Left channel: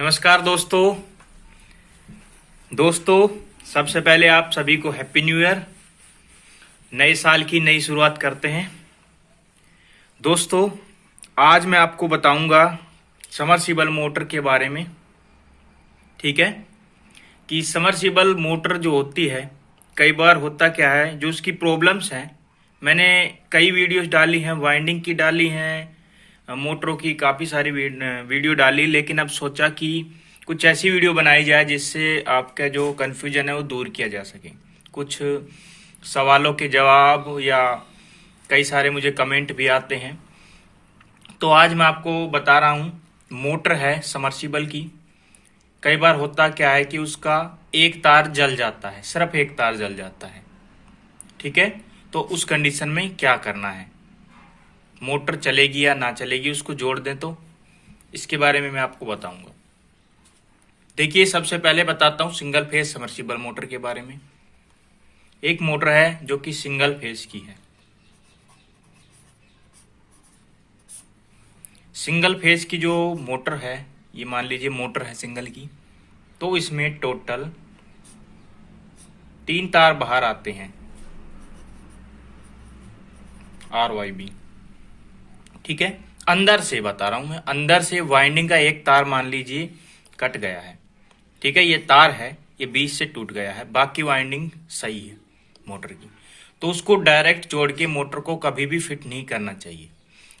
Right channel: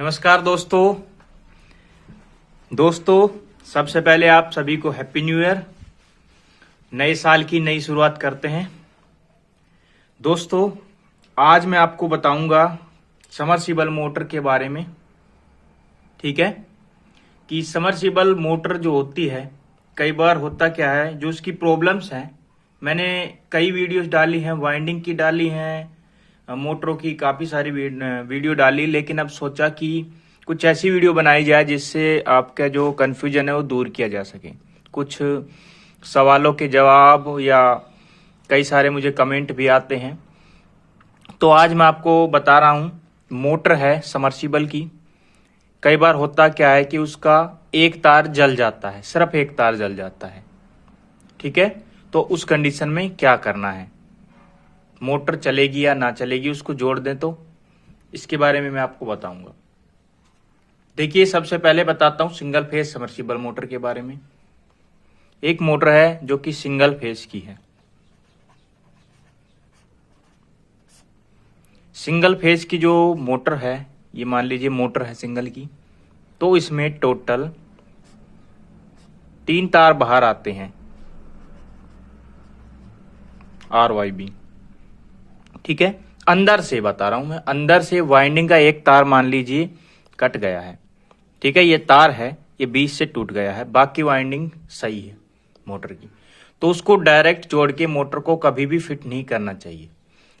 नमस्कार दोस्तों सबसे पहले आप सभी को हैप्पी न्यू ईयर। नए साल की नई शुरुआत करते हैं। दोस्तों आज मैं आपको बताऊंगा समरसीबल मोटर के बारे में। ठीक है कि समरसीबल मोटर जो होती है, कई बार होता क्या है, जो उसकी प्रॉब्लम्स हैं, मैंने कई वीडियोस डाली हैं, वाइंडिंग की डाली हैं, मोटरों की काफ़ी सारी वीडियो डाली, लेकिन अब सोचा कि कुछ ऐसी वीडियो बनाई जाए जिससे आपका जो कन्फ्यूजन है वो दूर किया जा सके। कुछ सवालों के जवाब या कई सारे मुझे कमेंट भी आते हैं, तो आज मैं आपको बता रहा हूँ। मोटर है समरसीबल की, कई बार होता क्या है कि उसका एक तार जल जाता है, सिर्फ एक तार जल जाता है। ठीक है, तो उस कंडीशन में क्या करना है, मोटर चलेगी या ना चलेगी, उसको जोड़ दें तो इसके बारे में मैं आपको बताऊंगा। देखिए सबसे पहले बताता हूं सिंगल फेज समरसीबल मोटर के बारे में। एक मोटर है जो कि सिंगल फेज की है। सिंगल फेज की जो मोटर है, ये मान लीजिए मोटर है सिंगल की, तो इसमें टोटल 3 तार बाहर आते हैं, RYB। ठीक है, अंदर से बता रहा हूं मैं, अंदर से वाइंडिंग का एक तार मान लीजिए कट गया है। ठीक है, ये तार है, ये बीच से टूट गया है, बाकी वाइंडिंग सही है मोटर की, तो उसको डायरेक्ट जोड़ के मोटर को कभी भी फिट नहीं करना चाहिए।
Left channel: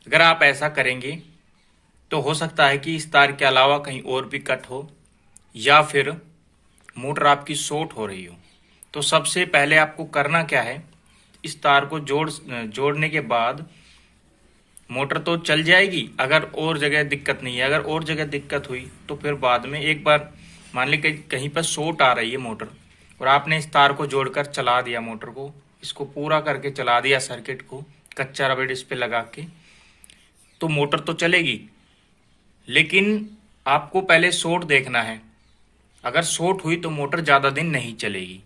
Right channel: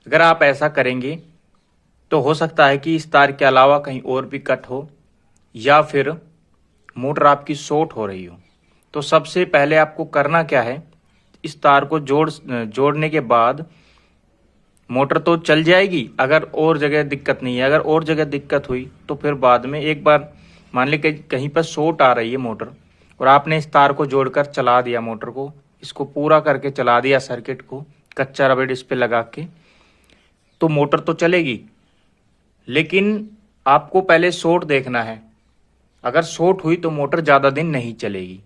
अगर आप ऐसा करेंगे तो हो सकता है कि इस तार के अलावा कहीं और भी कट हो या फिर मोटर आपकी शॉर्ट हो रही हो। तो सबसे पहले आपको करना क्या है, इस तार को जोड़ने के बाद मोटर तो चल जाएगी अगर और जगह दिक्कत नहीं है। अगर और जगह दिक्कत हुई तो फिर बाद में एक बार मान लीजिए कहीं पर शॉर्ट आ रही है मोटर और आपने इस तार को जोड़कर चला दिया, मोटर को इसको पूरा करके चला दिया, सर्किट को कच्चा रबड़ इस पे लगा के, तो मोटर तो चलेगी, लेकिन आपको पहले शॉर्ट देखना है। अगर शॉर्ट हुई तो मोटर ज़्यादा दिन नहीं चलेगी।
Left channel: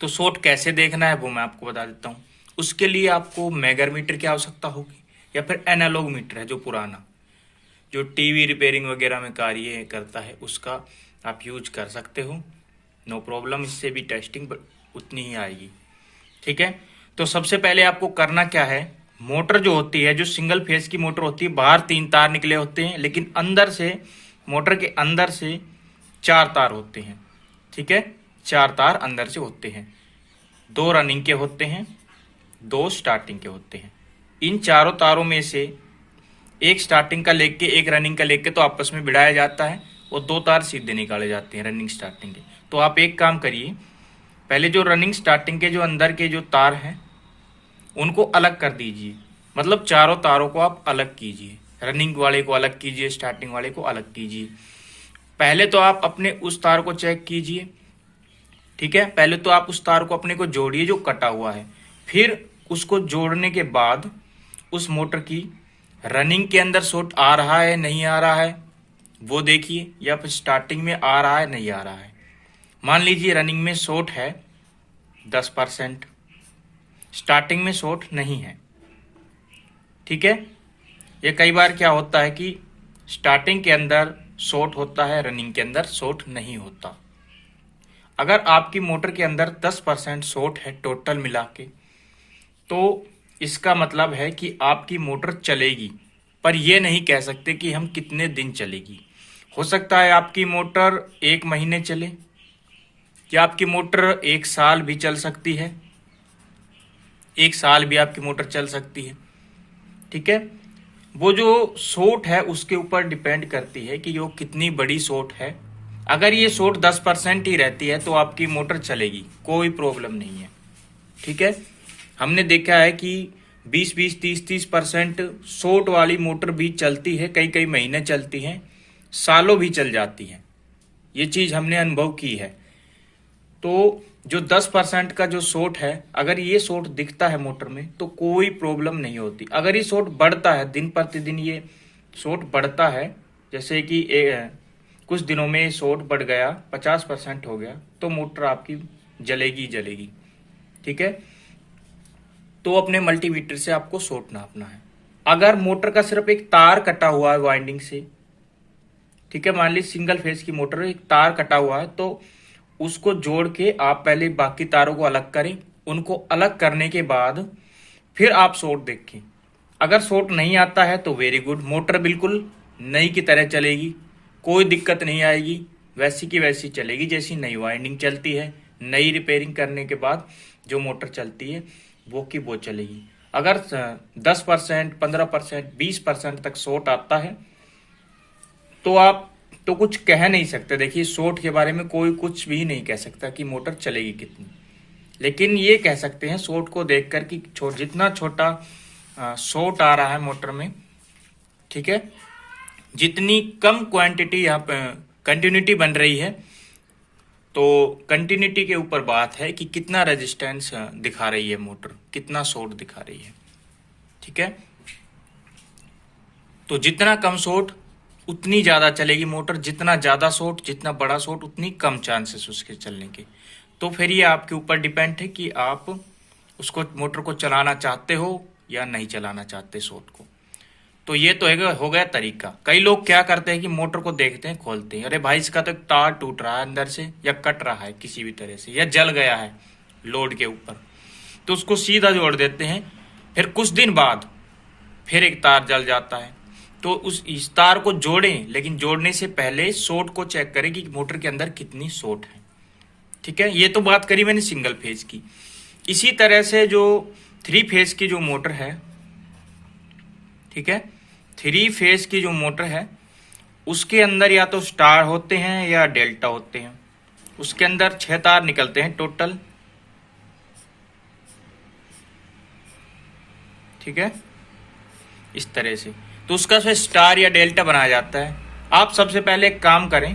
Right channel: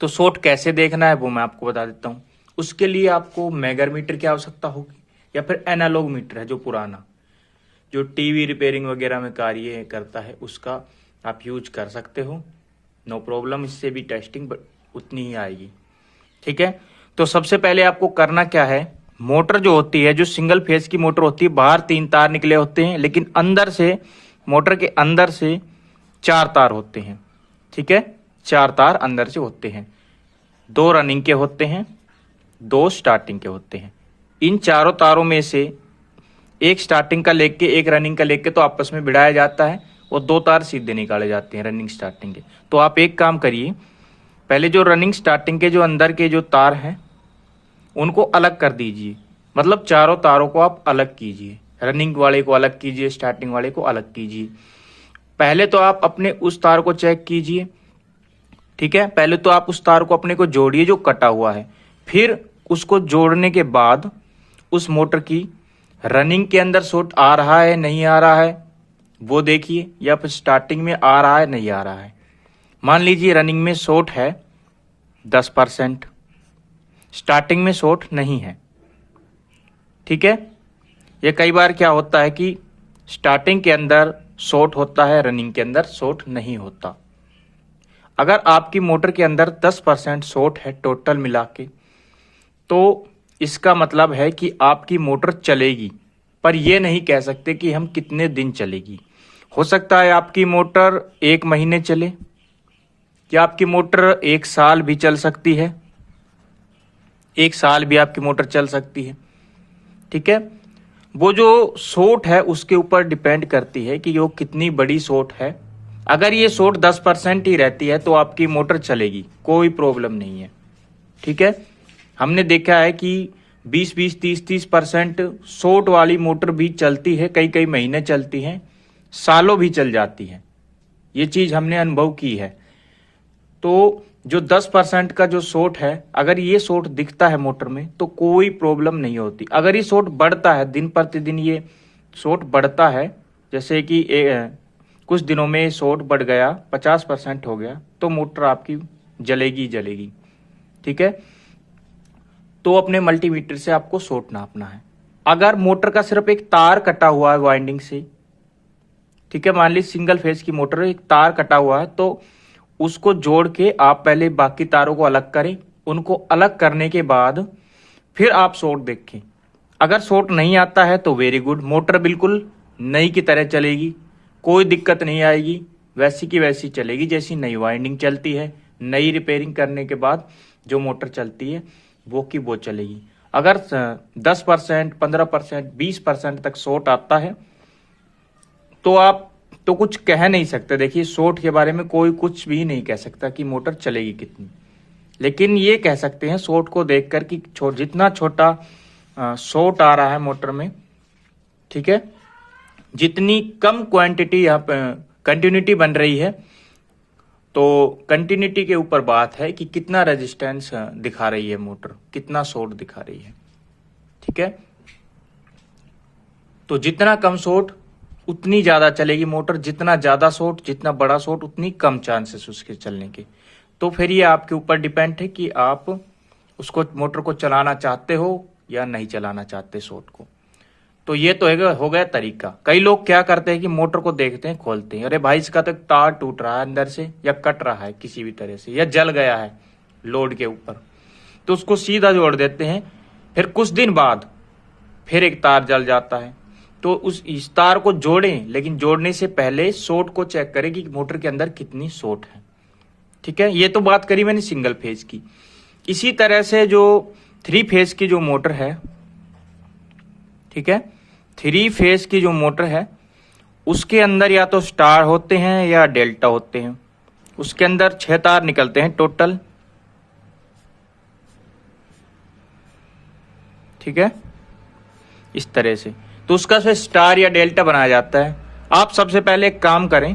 तो शॉर्ट कैसे देखना है वो मैं आपको बता देता हूँ। उसके लिए आपको मेगर मीटर की आवश्यकता होगी या फिर एनालॉग मीटर है जो पुराना, जो टीवी रिपेयरिंग वगैरह में कार्य करता है, उसका आप यूज कर सकते हो, नो प्रॉब्लम। इससे भी टेस्टिंग उतनी ही आएगी। ठीक है, तो सबसे पहले आपको करना क्या है, मोटर जो होती है, जो सिंगल फेज की मोटर होती है, बाहर 3 तार निकले होते हैं, लेकिन अंदर से, मोटर के अंदर से 4 तार होते हैं। ठीक है, 4 तार अंदर से होते हैं, 2 रनिंग के होते हैं, 2 स्टार्टिंग के होते हैं। इन चारों तारों में से एक स्टार्टिंग का लेके एक रनिंग का लेके तो आपस में भिड़ाया जाता है और 2 तार सीधे निकाले जाते हैं रनिंग स्टार्टिंग के। तो आप एक काम करिए, पहले जो रनिंग स्टार्टिंग के जो अंदर के जो तार हैं उनको अलग कर दीजिए, मतलब चारों तारों को आप अलग कीजिए, रनिंग वाले को अलग कीजिए, स्टार्टिंग वाले को अलग कीजिए। पहले तो आप अपने उस तार को चेक कीजिए। ठीक है, पहले तो आप उस तार को अपने को जोड़िए जो कटा हुआ है, फिर उसको जोड़ने के बाद उस मोटर की रनिंग के अंदर शॉर्ट आ रहा है नहीं आ रहा है वो देखिए, या फिर स्टार्टिंग में आ रहा है नहीं आ रहा है। मान लीजिए रनिंग में शॉर्ट है 10%, स्टार्टिंग में शॉर्ट नहीं है। ठीक है, ये कई बार क्या होता है कि स्टार्टिंग के अंदर शॉर्ट होता है, रनिंग के अंदर शॉर्ट नहीं होता। अगर आपकी मोटर के अंदर 10% शॉर्ट है टोटल मिला के, तो इसका मतलब है कि आपकी मोटर चलेगी, पर यह नहीं कह सकते कि हम कितने दिन चलेगी। हो सकता है आपकी मोटर 1 महीने चले, या आपकी मोटर 1 साल भी चल सकती है, 1 साल भी आपकी मोटर चल सकती है। ठीक है, वो जो शॉर्ट है उसके ऊपर डिपेंड करती है कि वो कितनी बड़ी शॉर्ट है। अगर ये शॉर्ट 10% ही रहती है तो आपकी मोटर चलेगी, कोई प्रॉब्लम नहीं है। ठीक है, हमने देखा है कि 20-20, 30-30% शॉर्ट वाली मोटर भी चलती है, कई कई महीने चलती है, सालों भी चल जाती है। ये चीज हमने अनुभव की है। तो जो 10% का जो शॉर्ट है, अगर ये शॉर्ट दिखता है मोटर में तो कोई प्रॉब्लम नहीं होती। अगर ये शॉर्ट बढ़ता है, दिन प्रतिदिन ये शॉर्ट बढ़ता है, जैसे कि कुछ दिनों में शॉर्ट बढ़ गया, 50% हो गया, तो मोटर आपकी जलेगी जलेगी। ठीक है, तो अपने मल्टीमीटर से आपको शॉर्ट नापना है। अगर मोटर का सिर्फ एक तार कटा हुआ है वाइंडिंग से, ठीक है, मान ली सिंगल फेज की मोटर, एक तार कटा हुआ है, तो उसको जोड़ के आप पहले बाकी तारों को अलग करें। उनको अलग करने के बाद फिर आप शॉर्ट देखें। अगर शॉर्ट नहीं आता है तो वेरी गुड, मोटर बिल्कुल नई की तरह चलेगी, कोई दिक्कत नहीं आएगी, वैसी की वैसी चलेगी जैसी नई वाइंडिंग चलती है। नई रिपेयरिंग करने के बाद जो मोटर चलती है वो की वो चलेगी। अगर 10%, 15%, 20% तक शॉर्ट आता है तो आप तो कुछ कह नहीं सकते। देखिए, शॉर्ट के बारे में कोई कुछ भी नहीं कह सकता कि मोटर चलेगी कितनी, लेकिन ये कह सकते हैं शॉर्ट को देखकर कि जितना छोटा शॉर्ट आ रहा है मोटर में, ठीक है, जितनी कम क्वांटिटी यहाँ पे कंटिन्यूटी बन रही है, तो कंटिन्यूटी के ऊपर बात है कि कितना रेजिस्टेंस दिखा रही है मोटर, कितना शॉर्ट दिखा रही है। ठीक है, तो जितना कम शॉर्ट उतनी ज्यादा चलेगी मोटर, जितना ज्यादा शॉर्ट, जितना बड़ा शॉर्ट, उतनी कम चांसेस उसके चलने के। तो फिर ये आपके ऊपर डिपेंड है कि आप उसको मोटर को चलाना चाहते हो या नहीं चलाना चाहते शॉर्ट को। तो ये तो हो गया तरीका। कई लोग क्या करते हैं कि मोटर को देखते हैं, खोलते हैं, अरे भाई इसका तो एक तार टूट रहा है अंदर से, या कट रहा है किसी भी तरह से, या जल गया है लोड के ऊपर, तो उसको सीधा जोड़ देते हैं। फिर कुछ दिन बाद फिर एक तार जल जाता है, तो इस तार को जोड़ें, लेकिन जोड़ने से पहले शॉर्ट को चेक करें कि मोटर के अंदर कितनी शॉर्ट है। ठीक है, ये तो बात करी मैंने सिंगल फेज की। इसी तरह से जो 3 फेज की जो मोटर है, ठीक है, 3 फेज की जो मोटर है उसके अंदर या तो स्टार होते हैं या डेल्टा होते हैं। उसके अंदर 6 तार निकलते हैं टोटल। ठीक है, इस तरह से तो उसका से स्टार या डेल्टा बनाया जाता है। आप सबसे पहले एक काम करें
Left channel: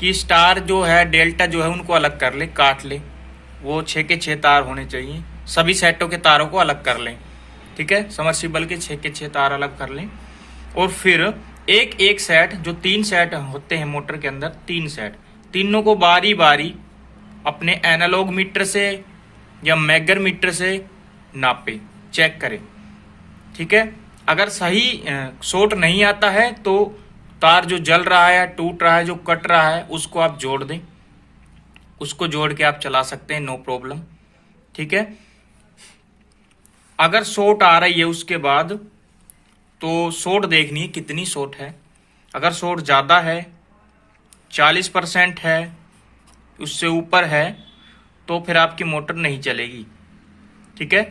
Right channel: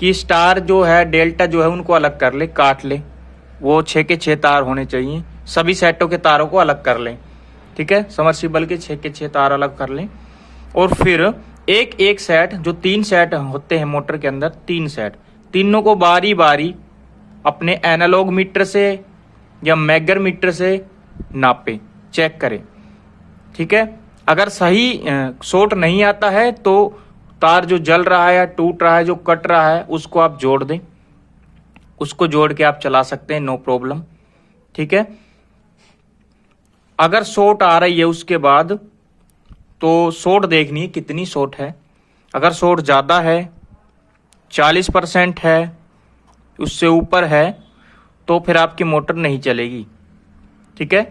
कि स्टार जो है, डेल्टा जो है, उनको अलग कर ले, काट ले। वो 6 के 6 तार होने चाहिए। सभी सेटों के तारों को अलग कर लें। ठीक है, समर्सिबल के 6 के 6 तार अलग कर लें। और फिर एक एक सेट, जो 3 सेट होते हैं मोटर के अंदर, 3 सेट, तीनों को बारी बारी अपने एनालॉग मीटर से या मैगर मीटर से नापें, चेक करें। ठीक है, अगर सही शॉर्ट नहीं आता है तो तार जो जल रहा है, टूट रहा है, जो कट रहा है, उसको आप जोड़ दें। उसको जोड़ के आप चला सकते हैं, नो प्रॉब्लम। ठीक है, अगर शॉर्ट आ रही है उसके बाद तो शॉर्ट देखनी है कितनी शॉर्ट है। अगर शॉर्ट ज़्यादा है, 40% है, उससे ऊपर है, तो फिर आपकी मोटर नहीं चलेगी। ठीक है,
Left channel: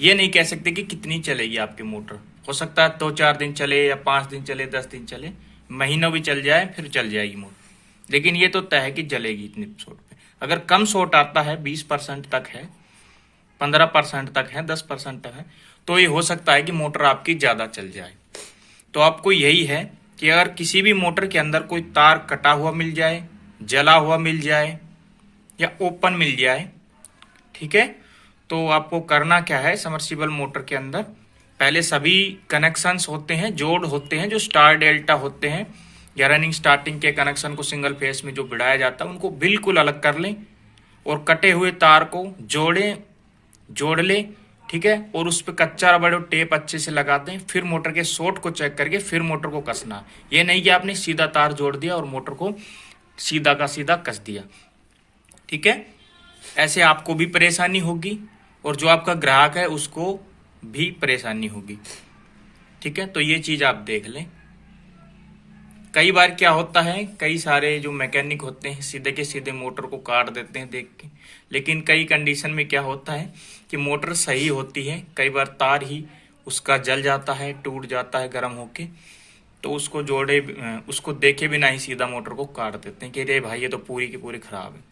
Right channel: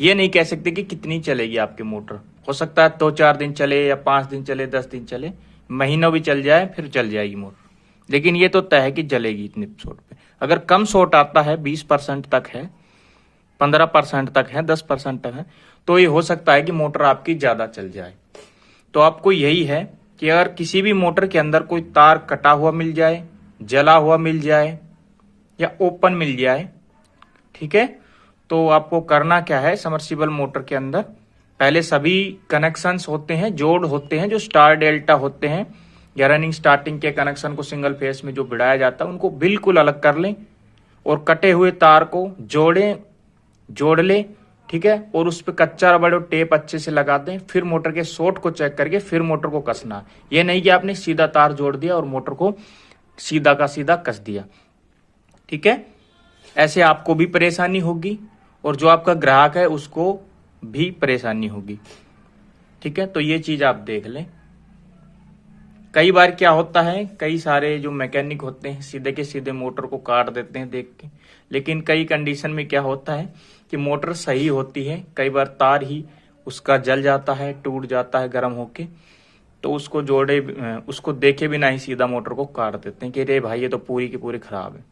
ये नहीं कह सकते कि कितनी चलेगी आपकी मोटर। हो सकता है 2-4 दिन चले, या 5 दिन चले, 10 दिन चले, महीनों भी चल जाए, फिर चल जाएगी मोटर। लेकिन ये तो तय है कि चलेगी इतने शॉर्ट पे। अगर कम शॉर्ट आता है, 20% तक है, 15% तक है, 10% तक है, तो ये हो सकता है कि मोटर आपकी ज्यादा चल जाए। तो आपको यही है कि अगर किसी भी मोटर के अंदर कोई तार कटा हुआ मिल जाए, जला हुआ मिल जाए, या ओपन मिल जाए, ठीक है, तो आपको करना क्या है, समर्सिबल मोटर के अंदर पहले सभी कनेक्शंस होते हैं, जोड़ होते हैं, जो स्टार डेल्टा होते हैं, या रनिंग स्टार्टिंग के कनेक्शन को सिंगल फेस में जो भिड़ाया जाता है, उनको बिल्कुल अलग कर लें और कटे हुए तार को जोड़ लें। ठीक है, और उस पर कच्चा रबड़ और टेप अच्छे से लगा दें। फिर मोटर के शॉर्ट को चेक करके फिर मोटर को कसना। ये नहीं कि आपने सीधा तार जोड़ दिया और मोटर को सीधा का सीधा कस दिया। ठीक है, ऐसे आपको भी परेशानी होगी और जो आपका ग्राहक है उसको भी परेशानी होगी। ठीक है, तो ये चीज आप देख लें। कई बार क्या होता है, कई सारे जो मैकेनिक होते हैं सीधे के सीधे मोटर को काट देते हैं देख के, लेकिन कई कंडीशन में क्या होता है कि मोटर सही होती है, कई बार तार ही उसका जल जाता है, टूट जाता है गर्म होके, तो उसको देखे बिना ही सीधा मोटर को काट देते हैं कि रे भाई ये तो पूरी की पूरी खराब है।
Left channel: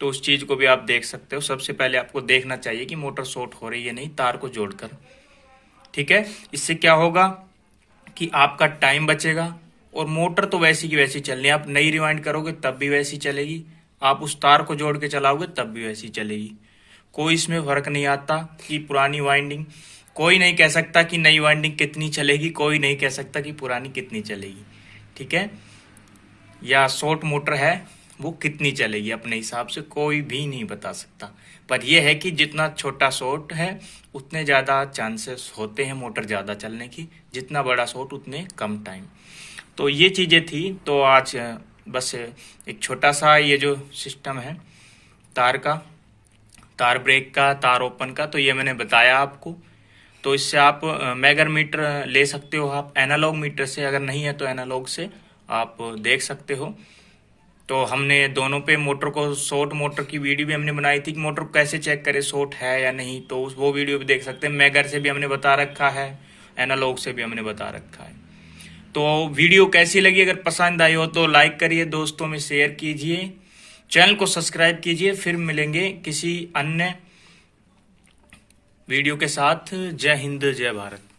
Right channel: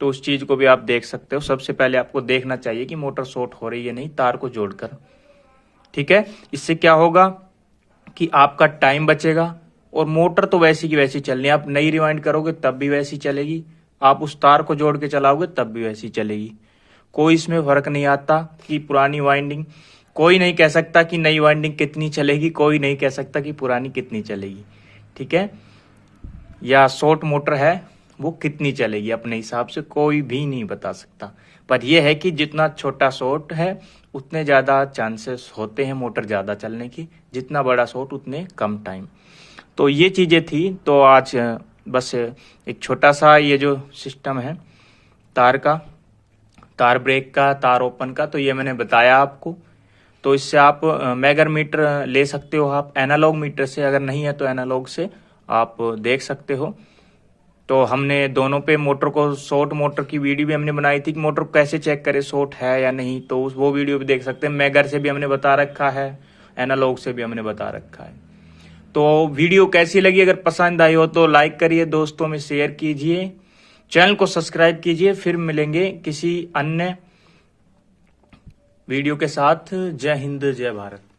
तो उस चीज को भी आप देख सकते हो। सबसे पहले आपको देखना चाहिए कि मोटर शॉर्ट हो रही है नहीं, तार को जोड़कर। ठीक है, इससे क्या होगा कि आपका टाइम बचेगा और मोटर तो वैसी की वैसी चलनी है। आप नई रिवाइंड करोगे तब भी वैसी चलेगी, आप उस तार को जोड़ के चलाओगे तब भी वैसी चलेगी। कोई इसमें फर्क नहीं आता कि पुरानी वाइंडिंग, कोई नहीं कह सकता कि नई वाइंडिंग कितनी चलेगी, कोई नहीं कह सकता कि पुरानी कितनी चलेगी। ठीक है, या शॉर्ट मोटर है वो कितनी चलेगी, अपने हिसाब से कोई भी नहीं बता सकता। पर यह है कि जितना छोटा शॉर्ट है उतने ज़्यादा चांसेस होते हैं मोटर ज़्यादा चलने की, जितना बड़ा शॉर्ट उतने कम टाइम। तो ये चीज़ें थी। तो आज बस एक छोटा सा ये जो सिस्टम है तार का, तार ब्रेक का, तार ओपन का, तो ये मैंने बताया आपको। तो इससे आप मेगर मीटर ले सकते हो आप एनालॉग मीटर से, अगर नहीं है तो एनालॉग से आप देख सकते हो। तो हमने दोनों पे मोटर को, शॉर्ट मोटर की वीडियो भी हमने बनाई थी कि मोटर को कैसे चेक करें शॉर्ट है या नहीं, तो वो वीडियो भी देख सकते हैं। मेगर से भी हमने बता रखा है, एनालॉग से भी हमने बता रखा है। तो वीडियो कैसी लगी, अगर पसंद आई हो तो लाइक करिए, दोस्तों में शेयर कीजिए, चैनल को सब्सक्राइब कीजिए। फिर मिलेंगे किसी अन्य वीडियो के साथ। जय हिंद, जय भारत।